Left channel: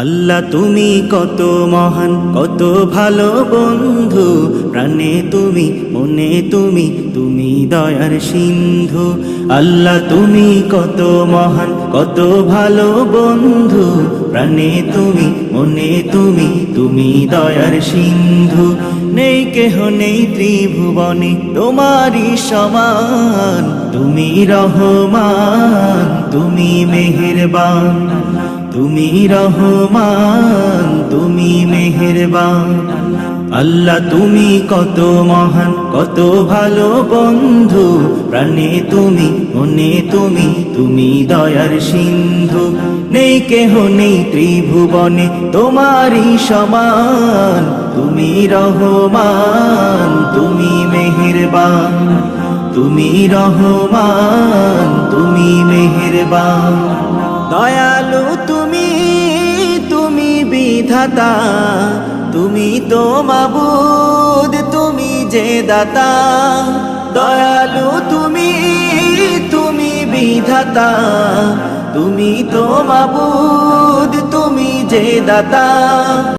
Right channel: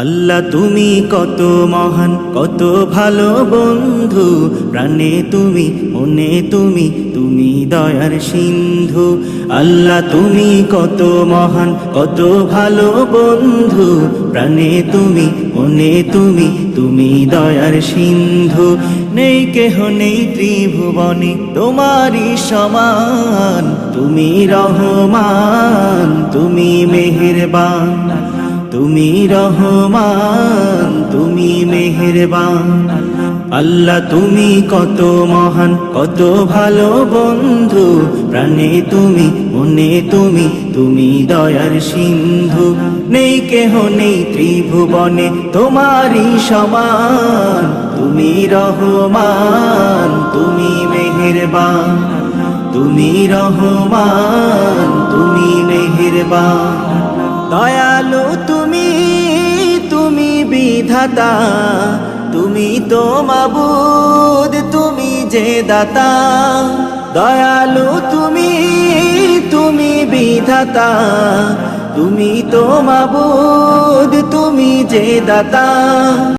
আল্লাহ তুমি কত মহান, কত ভালো বন্ধু, প্রাণে তুমি, মনে তুমি, তুমি দয়ার সিন্ধু। আল্লাহ তুমি কত মহান, কত ভালো বন্ধু, প্রাণে তুমি, মনে তুমি, তুমি দয়ার সিন্ধু। নেই কেহ নেই ত্রিভুবনে তোমারই সমান, তুমি রহমান, তুমি মেহেরবান, তুমি রহমান, তুমি মেহেরবান। আল্লাহ তুমি কত মহান, কত ভালো বন্ধু, প্রাণে তুমি, মনে তুমি, তুমি দয়ার সিন্ধু। নেই কেহ নেই ত্রিভুবনে তোমারই সমান, তুমি রহমান, তুমি মেহেরবান, তুমি রহমান, তুমি মেহেরবান। দয়ালু তুমি, তুমি বিধাতা, তুমি তো মাবুদ, তুমি যে দাতা। দয়ালু তুমি, তুমি বিধাতা, তুমি তো মাবুদ, তুমি যে দাতা।